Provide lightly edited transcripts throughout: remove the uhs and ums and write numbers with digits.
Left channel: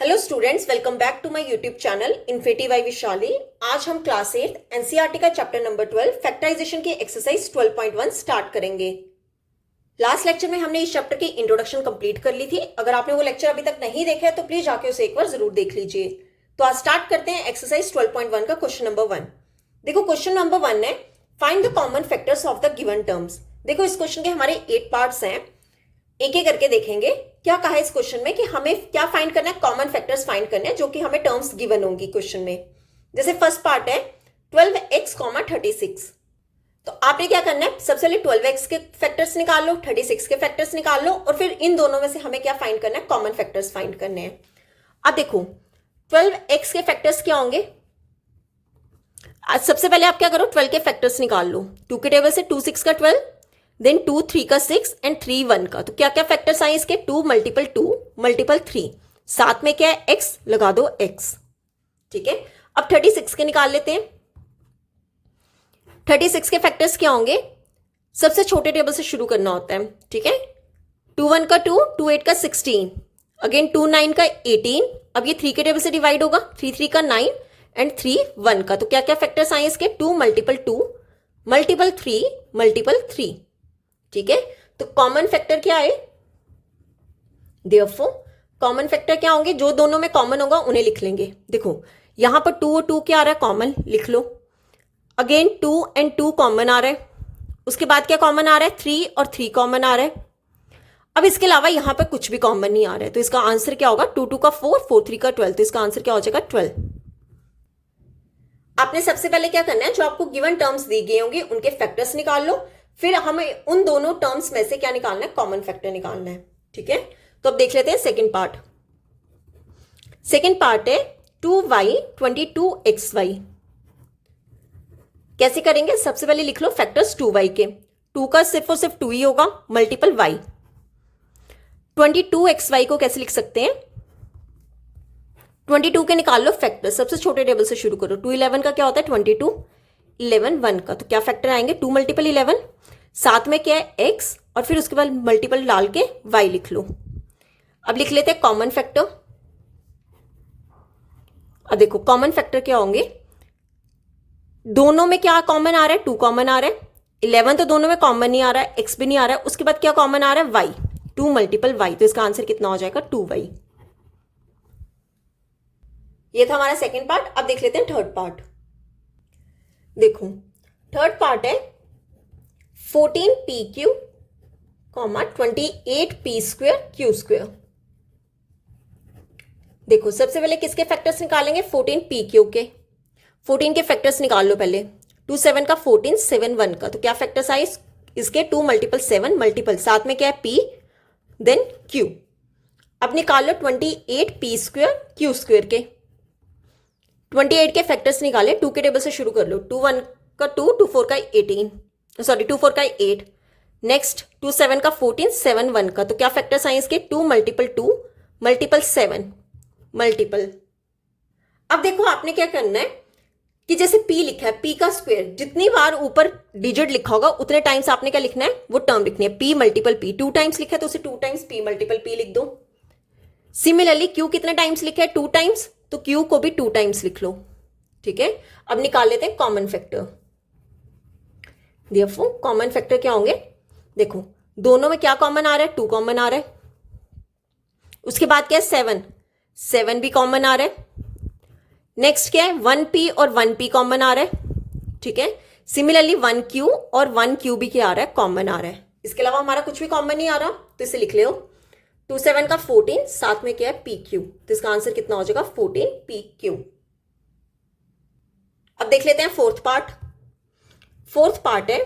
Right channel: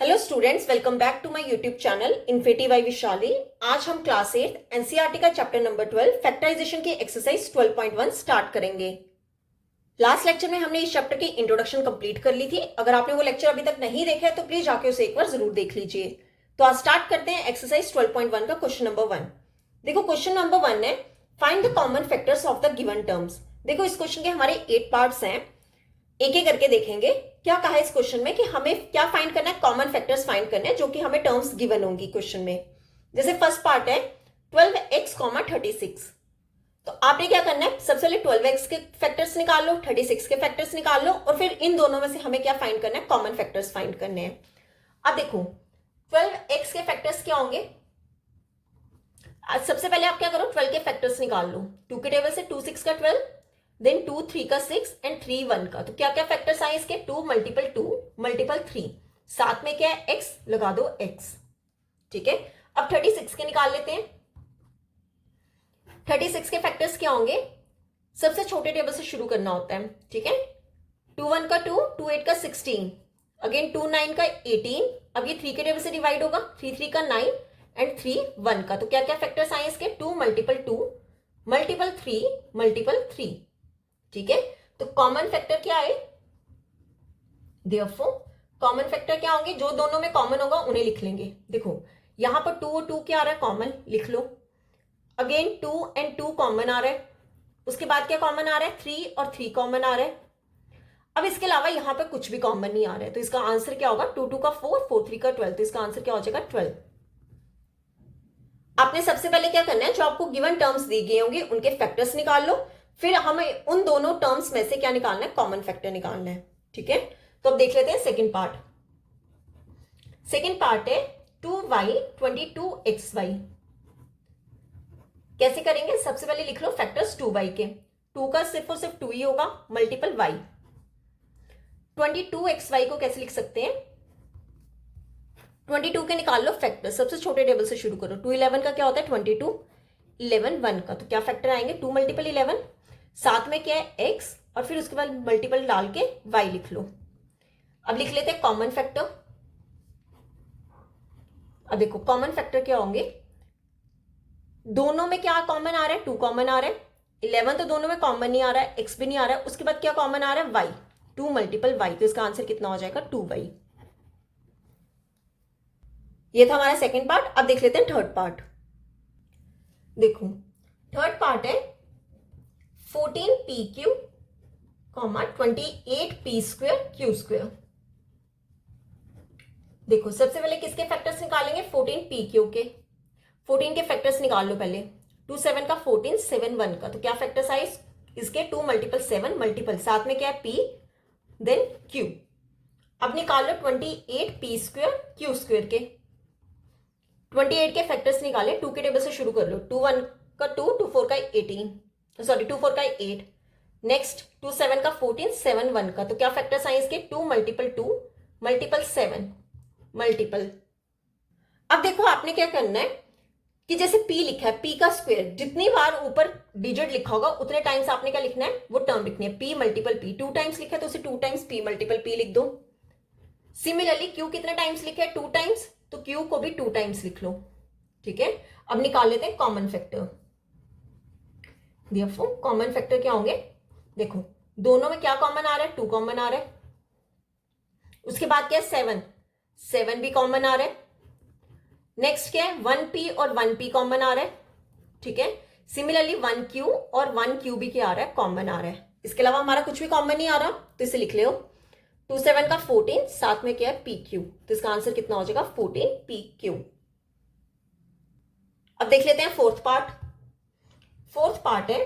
Hello students, welcome back to my YouTube channel infinity by Vishali. आज हम class 8 NCERT का chapter number 12 factorisation की exercise 12.1 start करेंगे। Last lecture में हमने इस चैप्टर की इंट्रोडक्शन कंप्लीट कर ली थी। अगर आपने वो लेक्चर अभी तक नहीं देखा है तो प्लीज जाके उसे एक बार जरूर देख लीजिए। तो आज स्टार्ट करते हैं एक्सरसाइज 12.1 का क्वेश्चन नंबर 1। देखो क्वेश्चन नंबर 1 है find the common factors of the given terms. देखो इस क्वेश्चन के हमारे 8 पार्ट्स हैं, एक एक करके देखेंगे। क्या कहा है इस क्वेश्चन में कि हमें क्या फाइंड करना है, कॉमन फैक्टर्स फाइंड करने हैं जो कि हमें टर्म्स गिवन होंगी क्वेश्चन में। जैसे फर्स्ट पार्ट है 12x, 36। तो आपने क्या करना है, सबसे पहले 12x के फैक्टर्स निकाल लो, 36 के फैक्टर्स निकाल लो और फिर इन दोनों में से हमें क्या फाइंड करना है, कॉमन फैक्टर्स फाइंड करने हैं। अब देखो 12x के फैक्टर्स क्या होंगे। आज सबसे पहले आप क्या करो, 12 के फैक्टर्स निकाल लो। 2 के टेबल से 2 6 का 12, देन 2 3 का 6 एंड 3 1 का। तो क्या क्या फैक्टर्स आए इसके, 2 मल्टीपल 2 मल्टीपल 3, साथ में क्या है x, लगा दो x। ठीक है, अब 36 के निकाल लेते हैं। 36 के फैक्टर्स क्या होंगे, सबसे छोटे टेबल से शुरू करना होता है। ठीक है, 2 1 का 2, 2 8 का 16, अगेन 2 9 का 18। अब ये 3 के टेबल से डिवाइड होगा, 3 3 का 9 एंड 3 1 का। तो क्या क्या फैक्टर्स आए इसके, 2 मल्टीपल 2 मल्टीपल 3 मल्टीपल 3। ठीक है, तो कॉमन फैक्टर क्या है, देयरफॉर कॉमन फैक्टर क्या होंगे, जो दोनों में कॉमन होगा उन्हें लिख लेंगे। देखो यहां पर 2 और 2 क्या आ रहा है, कॉमन लिख लो। अगेन 2 एंड 2 कॉमन आ रहा है। उसके बाद क्या कॉमन आ रहा है, 3 और 3 कॉमन आ रहा है। अब इसके अलावा यहां पर कुछ भी कॉमन नहीं आ रहा है, तो इसका आंसर क्या होगा, 2 2 का 4 4 3 का 12। तो इसका आंसर क्या हो जाएगा, 12। आपने सबसे पहले क्या करना है, जो आपको गिवन टर्म्स दी गई होंगी उनके फैक्टर्स निकाल लो, फिर हमें उन दोनों टर्म्स में से क्या निकालना है, कॉमन फैक्टर निकालना है। ठीक है, तो अब देख लेते हैं सेकंड पार्ट। सेकंड पार्ट है 2y 22xy। कैसे करेंगे, सबसे पहले लिख लो फैक्टर्स 2y के। 2 का सिर्फ और सिर्फ 2 ही होगा, मल्टीपल y। 22xy को कैसे लिख सकते हैं, 22 के निकाल लो फैक्टर, सबसे छोटे टेबल से शुरू करो। 2 11 का क्या होता है, 22 11 1 का। तो क्या फैक्टर आएंगे, 2 मल्टीपल 11, साथ में क्या है x, और फिर उसके बाद मल्टीपल डाल के y लिख लो। अब लिख लेते हैं कॉमन फैक्टर। अब देखो कॉमन फैक्टर क्या होंगे, दोनों में क्या कॉमन आ रहा है, 2 कॉमन आ रहा है। 11 तो दोनों में कॉमन नहीं आ रहा है, x भी नहीं आ रहा है। उसके बाद क्या कॉमन आ रहा है, y, 2 मल्टीपल y। तो इसका आंसर कितना हो जाएगा, 2y। ये था हमारा सेकेंड पार्ट। अब देख लेते हैं थर्ड पार्ट। देखो थर्ड पार्ट है 14pq, 28p² q²। देखो सबसे पहले किसके फैक्टर्स निकालेंगे, 14pq के। 14 के फैक्टर्स निकाल लो पहले। 2 7 का 14 7 1 का। तो क्या फैक्टर्स आए इसके, 2 मल्टीपल 7 मल्टीपल, साथ में क्या है p, देन q। अब निकाल लो 28p² q² के। 28 के फैक्टर्स निकाले, 2 के टेबल से शुरू कर लो। 2 1 का 2, 2 4 का 18, सॉरी 2 4 का 8। नेक्स्ट 2 7 का 14 7 1 का। तो क्या फैक्टर्स आए इसके, 2 मल्टीपल 2 मल्टीपल 7 मल्टीपल। अब देखो आपने क्या करना है कि जैसे p लिखा है, p का स्क्वायर, जितनी बार ऊपर डिजिट लिखा होगा उतने टाइम्स आपने क्या लिखना है, वो टर्म लिखनी है। p मल्टीपल p, 2 टाइम्स लिखा है तो उसे 2 टाइम्स p मल्टीपल p लिख दो। सिमिलरली q कितने टाइम्स लिखा है, 2 टाइम्स, तो q को भी 2 टाइम्स लिख लो। ठीक है, अब निकाल लेते हैं common factor. Therefore common factor क्या होंगे, देखो दोनों में क्या कॉमन आ रहा है, 2 कॉमन आ रहा है। उसके बाद क्या है, 7 7 भी कॉमन आ रहा है। नेक्स्ट क्या है, 1p और 1p कॉमन आ रहा है। ठीक है, सिमिलरली 1q और 1q भी क्या आ रहा है, कॉमन आ रहा है। इसके अलावा हमारा कुछ भी कॉमन नहीं आ रहा, तो इसे लिख लो। 2 7 का 14, साथ में क्या है, pq। तो इसका आंसर कितना हो जाएगा, 14pq। अब देख लेते हैं फोर्थ पार्ट। फोर्थ पार्ट है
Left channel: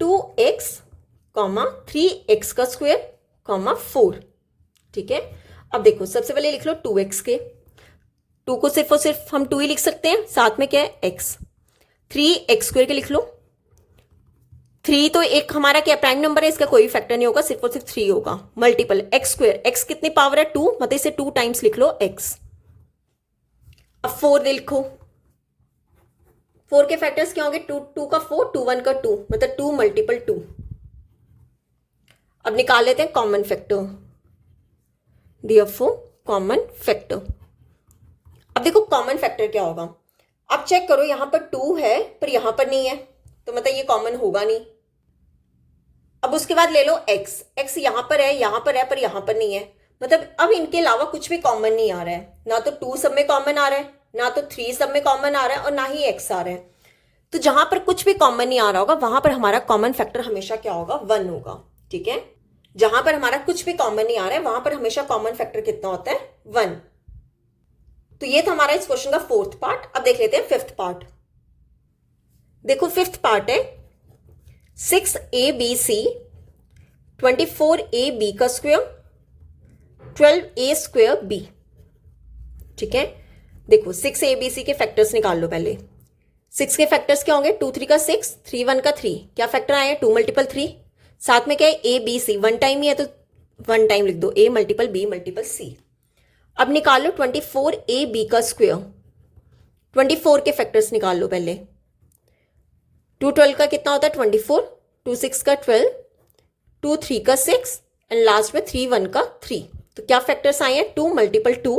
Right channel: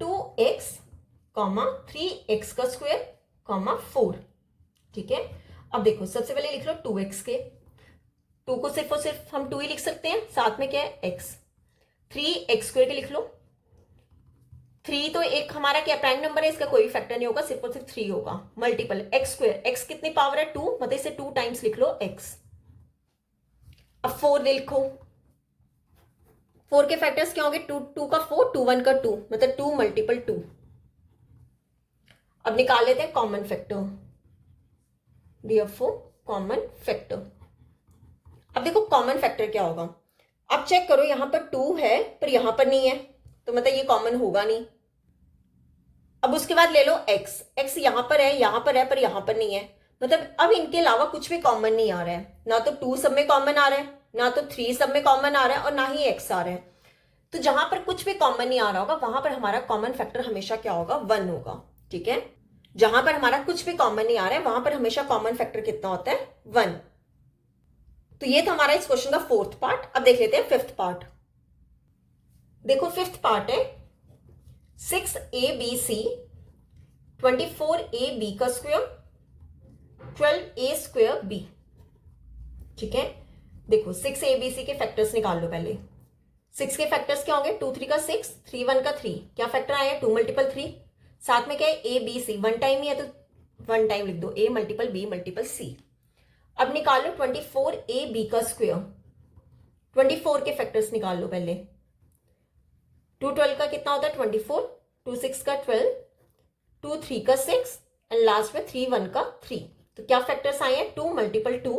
2x, 3x का स्क्वायर, 4। ठीक है, अब देखो सबसे पहले लिख लो 2x के। 2 को सिर्फ और सिर्फ हम 2 ही लिख सकते हैं, साथ में क्या है, x। 3x² के लिख लो। 3 तो एक हमारा क्या प्राइम नंबर है, इसका कोई फैक्टर नहीं होगा, सिर्फ और सिर्फ 3 होगा। मल्टीपल x², x कितनी पावर है, 2, मतलब इसे 2 टाइम्स लिख लो, x। अब 4 लिखो। 4 के फैक्टर्स क्या होंगे, 2 का 4, 2 1 का 2, मतलब 2 मल्टीपल 2। अब निकाल लेते हैं common factor. Therefore common factor अब देखो कॉमन फैक्टर क्या होगा। अब चेक करो, यहां पर 2 है पर यहां पर नहीं है, तो मतलब ये कॉमन होगा नहीं। अब उसके बाद ले लो x, x यहां पर है, यहां पर है पर यहां पर नहीं है, मतलब अब इनके अलावा कुछ भी कॉमन नहीं आ रहा है। ना तो 2 सब में कॉमन आ रहा है, ना तो 3 सब में कॉमन आ रहा है, और ना ही x आ रहा है। तो जहां पर कुछ भी कॉमन नहीं आ रहा होगा वहां पर हमारा कॉमन फैक्टर हमेशा क्या होगा, 1 होगा। ठीक है, जहां पर हमारा कुछ भी कॉमन नहीं आ रहा है वहां पर हमेशा कॉमन फैक्टर कितना होता है, 1। तो ये था हमारा इस क्वेश्चन का 4th पार्ट। अब देख लेते हैं 5th पार्ट। देखो 5th पार्ट है 6abc 24ab का स्क्वायर 12a स्क्वायर b। ठीक है, देखो 6abc के फैक्टर्स निकाल लो पहले। 6 के फैक्टर्स क्या होंगे, 2 3 का 6, 3 1 का 3, क्या फैक्टर आए 2 मल्टीपल 3, साथ में क्या है ए बी सी, 1 टाइम ही है तो 1 टाइम लिख दो, a multiple b multiple c। अब निकाल लो 24ab का स्क्वायर, 24 के फैक्टर्स निकाल लो पहले। 2 12 का कितना होता है 24, 2 6 का 12, 2 3 का 6 एंड लास्ट में 3 1 का 3। तो क्या फैक्टर्स आए हैं, 2 multiple 2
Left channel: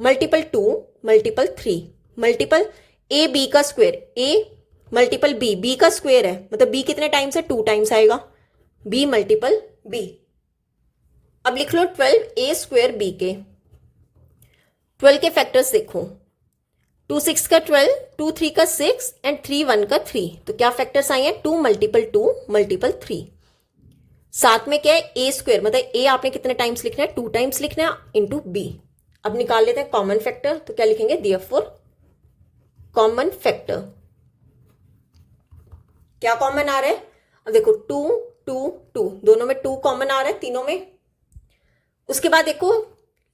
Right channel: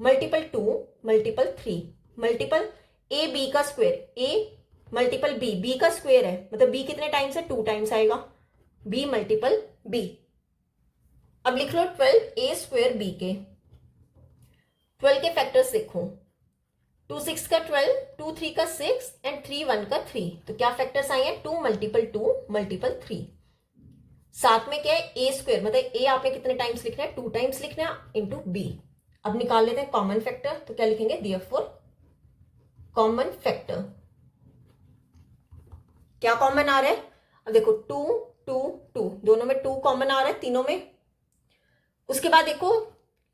multiple 2 multiple 3 multiple A B का square, A multiple B, B का स्क्वायर है मतलब बी कितने टाइम्स है, 2 टाइम्स आएगा, बी मल्टीपल बी। अब लिख लो 12a स्क्वायर बी के। 12 के फैक्टर्स देखो, 2 6 का 12, 2 3 का 6 एंड 3 1 का 3। तो क्या फैक्टर्स आए हैं, 2 मल्टीपल 2 मल्टीपल 3। साथ में क्या है ए स्क्वायर, मतलब ए आपने कितने टाइम्स लिखना है, 2 टाइम्स लिखना है इंटू बी। अब निकाल लेते हैं कॉमन फैक्टर, तो क्या लिखेंगे, देयरफॉर कॉमन फैक्टर। क्या कॉमन आ रहा है, अब देखो 2 2 2, दोनों में 2 कॉमन आ रहा है तीनों में। उसके बाद देखो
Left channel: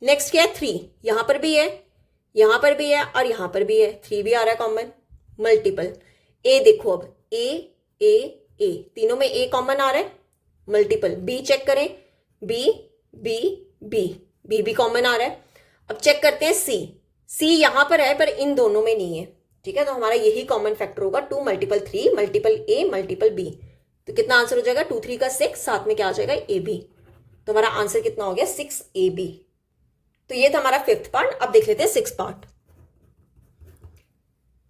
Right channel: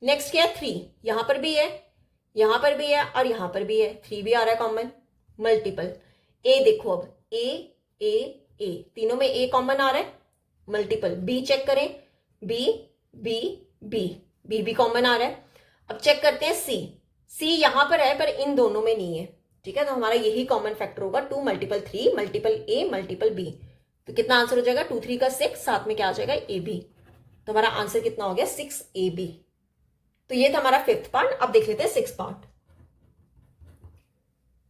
नेक्स्ट क्या है 3, यहां पर भी है, यहां पर भी है और यहां पर भी है, 3 भी आ रहा है कॉमन। मल्टीपल ए, देखो अब ए ए ए, तीनों में ए कॉमन आ रहा है। मल्टीपल बी चेक करें, बी बी बी, बी भी कॉमन आ रहा है। अब चेक करते हैं सी, सी यहां पर है पर इन दोनों में नहीं है। ठीक है, तो हमारा यही कॉमन फैक्टर होगा, 2 मल्टीपल 3 मल्टीपल ए मल्टीपल बी। तो कितना आंसर हो जाएगा, 2 3 का 6, साथ में क्या आ जाएगा ए बी। तो हमारा आंसर कितना हो गया, 6ab। तो ये था हमारा 5th पार्ट। अब देख लेते हैं 6th पार्ट।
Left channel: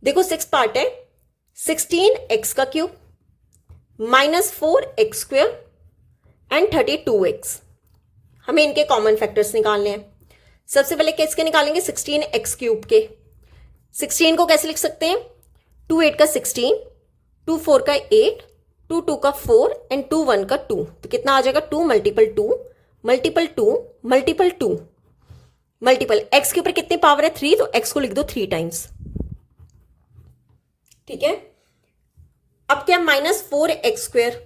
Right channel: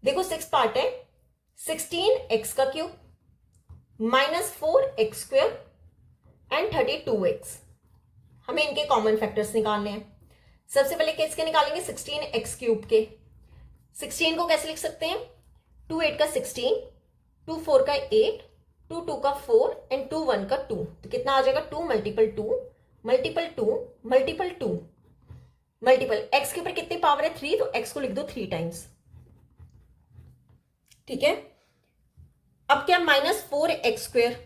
देखो 6th पार्ट है 16x का cube -4x square and 32x। हमें इनके कॉमन फैक्टर्स निकालने हैं। सबसे पहले किसके निकालेंगे, 16x क्यूब के। 16 को कैसे लिख सकते हैं, 2 8 का 16, 2 4 का 8, 2 2 का 4 एंड 2 1 का 2। तो कितना आ जाएगा, 2 multiple 2 multiple 2 multiple 2 multiple x के ऊपर कितने पावर है 3, तो x को लिख दो 3 टाइम्स। ठीक है, अब क्या -4x स्क्वायर,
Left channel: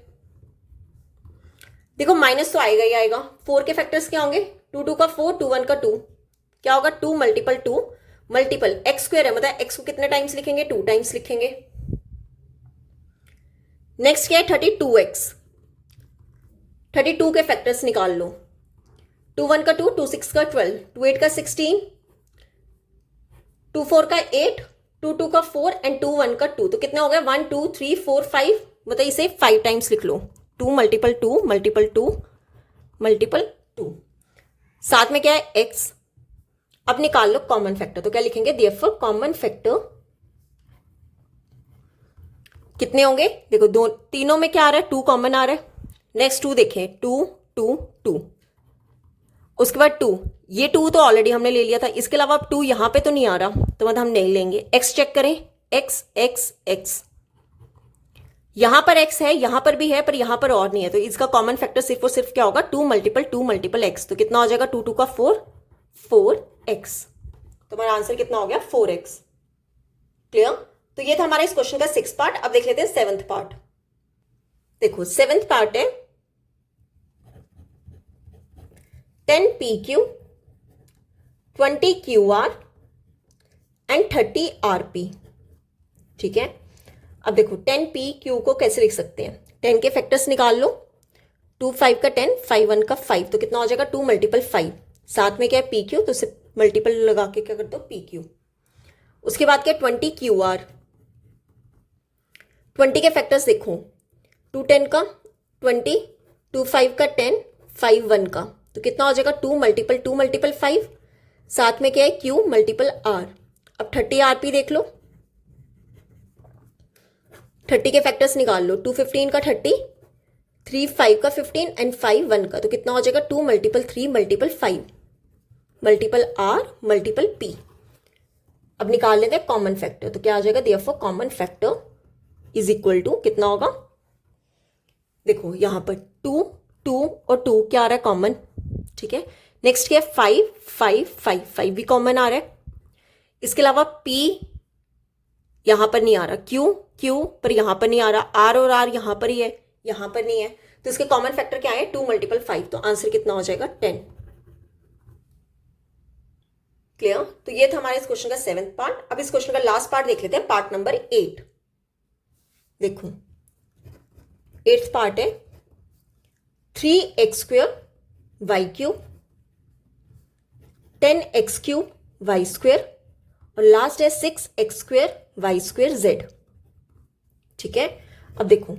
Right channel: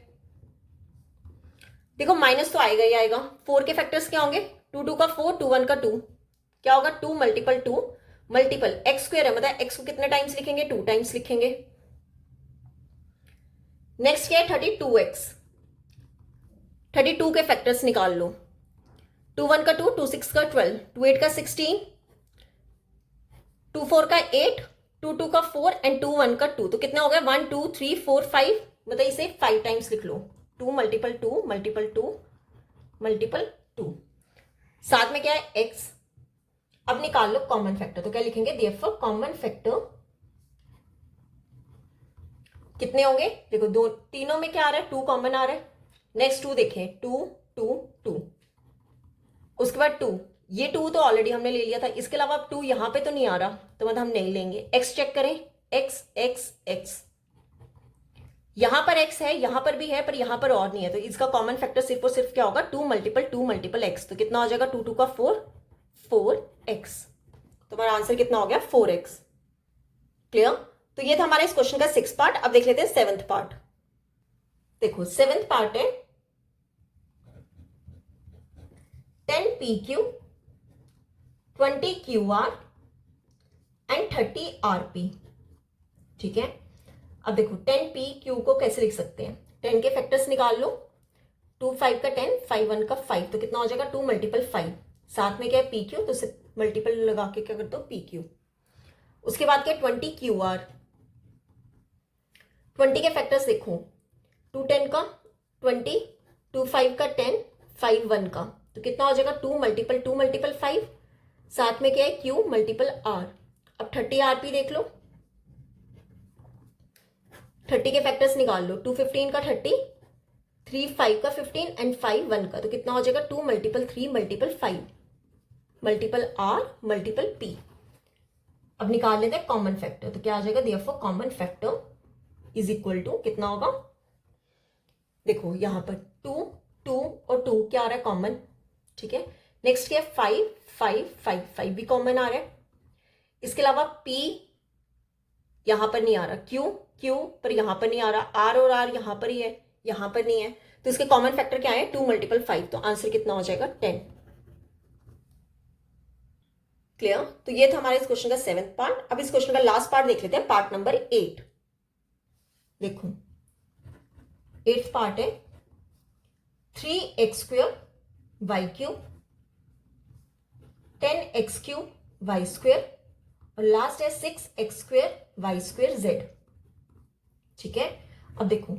देखो माइनस तो आएगा ही आएगा। 4 के फैक्टर्स क्या होंगे, 2 2 का 4, 2 1 का 2, क्या होगा 2 मल्टीपल 2 मल्टीपल x स्क्वायर है, मतलब x को कितने टाइम्स लिखेंगे, 2 टाइम्स लिखेंगे। नेक्स्ट क्या है 32x, 32 के फैक्टर्स निकाल लो। 2 1 का 2, 2 6 का 12, 2 8 का 16, 2 4 का 8, 2 2 का 4 एंड 2 1 का 2। तो कितना हो गया 1 2 3 4 5, मतलब इसे 5 टाइम्स लिख लो। 2 मल्टीपल 2 मल्टीपल 2 मल्टीपल 2, साथ में क्या है x। अब निकाल लो कॉमन फैक्टर, तो क्या लिखेंगे, देयरफॉर कॉमन फैक्टर कितने होंगे, देखो दो तीनों में क्या आ रहा है, 2 कॉमन आ रहा है। नेक्स्ट 2 देखें, 2 2 2, उसके बाद 2, ये 2 तो ऑलरेडी हमने ले लिया था, इसके अलावा अब 2 यहां पे तो नहीं आ रहा, तो मतलब हम नहीं लेंगे। x चेक करें, x x x, यहां पर x है, यहां पर भी है पर यहां पर और नहीं है, तो इसका कॉमन फैक्टर सिर्फ और सिर्फ क्या होगा, 2 मल्टीपल x। तो कितना हो जाएगा, 2 2 का 4 4x। तो हमारा आंसर कितना हो गया 4x। क्लियर। तो ये था हमारा इस क्वेश्चन का 6th पार्ट। अब देख लेते हैं 7th पार्ट। देखो 7th पार्ट है 10pq 20qr एंड 30rp। ठीक है, अब देखो 10pq को कैसे लिख सकते हैं, 10 के फैक्टर्स निकाल लो। 2 5 का 10, 5 1 का 5, तो कितना हो जाएगा 2 मल्टीपल 5, साथ में क्या है pq, तो सिर्फ मल्टीपल लगा के क्या कर दो pq। उसके बाद क्या 20qr, 20 के फैक्टर्स देखो, 2 10 का 20, 2 5 का 10, 5 1 का, तो कितना हो जाएगा 2 मल्टीपल 5, साथ में क्या है q मल्टीपल r, अब 30 आरपी देख लो, 30 के फैक्टर्स निकाल लो। 2 15 का 30, 3 5 का 15 एंड 5 1 का, तो कितना हो जाएगा 2 multiple 3 multiple 5 multiple R multiple P. अब निकाल लेते हैं कॉमन फैक्टर, तो क्या आ जाएगा, therefore common factor is equal to कितना होगा, देखो यहां पर 2 2 और 2 क्या आ रहा है कॉमन, ठीक है। नेक्स्ट क्या है 5 5 5 5 भी कॉमन आ रहा है। इसके अलावा P यहां पर नहीं आ रहा, Q पर यहां पर नहीं आ रहा, R और R यहां पर ही है, यहां पर नहीं है, तो इसके कॉमन फैक्टर क्या है 2 मल्टीपल 5, तो आंसर कितना हो जाएगा 10। क्लियर। तो ये था हमारे इस क्वेश्चन का 7th पार्ट। अब इस क्वेश्चन का लास्ट पार्ट देख लेते हैं, पार्ट नंबर 8। देखो 8th पार्ट है 3x² y³ 10x³ y² और लास्ट है 6x² y² z। ठीक है। अब देखो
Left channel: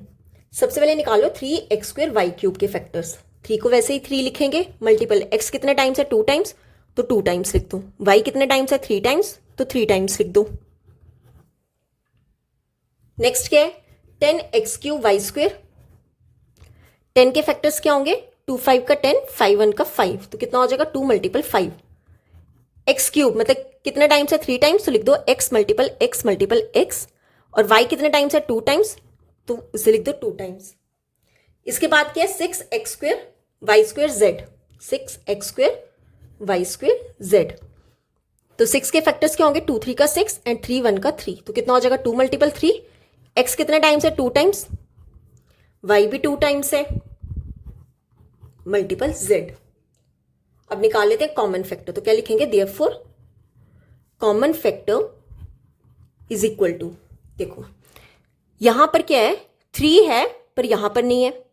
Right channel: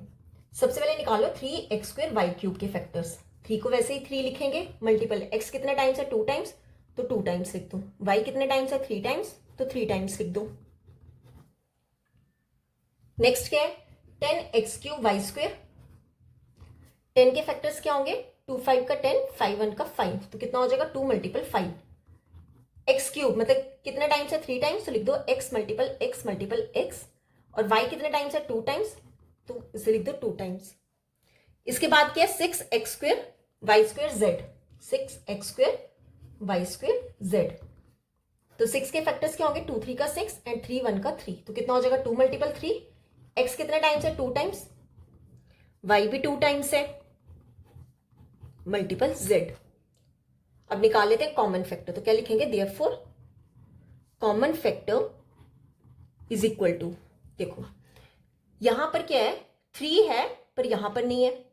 सबसे पहले निकालो 3x² y³ के फैक्टर्स। 3 को वैसे ही 3 लिखेंगे, मल्टीपल x कितने टाइम्स है 2 टाइम्स, तो 2 टाइम्स लिख दो। y कितने टाइम्स है 3 टाइम्स, तो 3 टाइम्स लिख दो। नेक्स्ट क्या है 10x³ y²। 10 के फैक्टर्स क्या होंगे 2 5 का 10 5 1 का 5, तो कितना हो जाएगा 2 मल्टीपल 5। x³ मतलब कितने टाइम्स है 3 टाइम्स, तो लिख दो x multiple x multiple x। और y कितने टाइम्स है 2 टाइम्स, तो इसे लिख दो 2 टाइम्स। इसके बाद क्या है 6x² y² z। 6x² y² z। तो 6 के फैक्टर्स क्या होंगे 2 3 का 6 एंड 3 1 का 3, तो कितना हो जाएगा 2 मल्टीपल 3। x कितने टाइम्स है 2 टाइम्स, y भी 2 टाइम्स है, मल्टीपल z। अब निकाल लेते हैं कॉमन फैक्टर, तो क्या लिखेंगे therefore common factor is equal to, देखो यहां पर क्या है 3 है पर यहां पर नहीं है,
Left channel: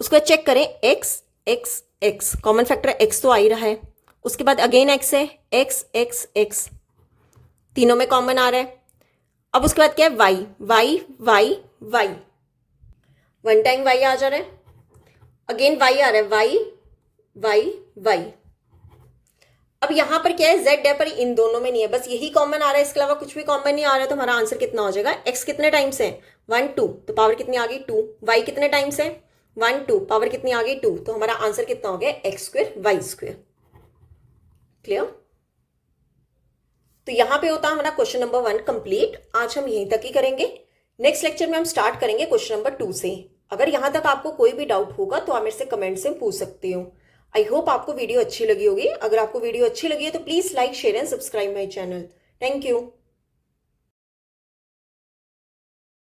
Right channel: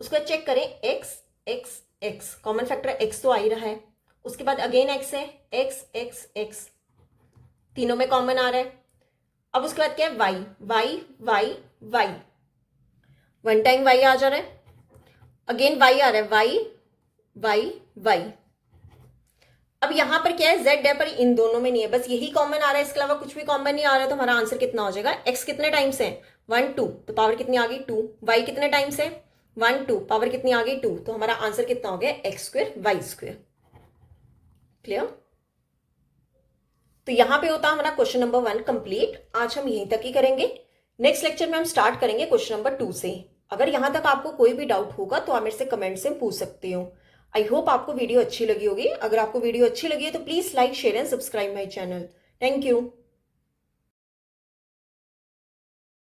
उसको चेक करें x x x, common factor x तो आ ही रहा है, उसके बाद अगेन x है x x x, तीनों में कॉमन आ रहा है। अब उसके बाद क्या है y y y y, one time y आ जा रहा है, अगेन y आ रहा है y y y। अब यहां पर क्या है z है पर इन दोनों में नहीं है, बस यही कॉमन आ रहा है, इसके अलावा कुछ भी कॉमन नहीं आ रहा है, तो हमारा आंसर कितना हो जाएगा x कितने टाइम्स है 1 2, तो पावर कितनी आ गई 2। y कितने टाइम्स है 1 2, पावर कितनी आ गई 2, तो हमारा आंसर कितना हो गया x² y²। क्लियर। तो यहां पे होता हमारा क्वेश्चन नंबर 1 कंप्लीट। आज हम यहीं तक ही करेंगे, नेक्स्ट लेक्चर में हम स्टार्ट करेंगे क्वेश्चन नंबर 2 से। अगर यहां तक आपको कोई भी डाउट होगा तो आप मेरे से कमेंट से पूछ सकते हो। आई होप आपको वीडियो अच्छी लगी होगी। अगर आपको वीडियो अच्छी लगी है तो please like share and subscribe my channel. Thank you.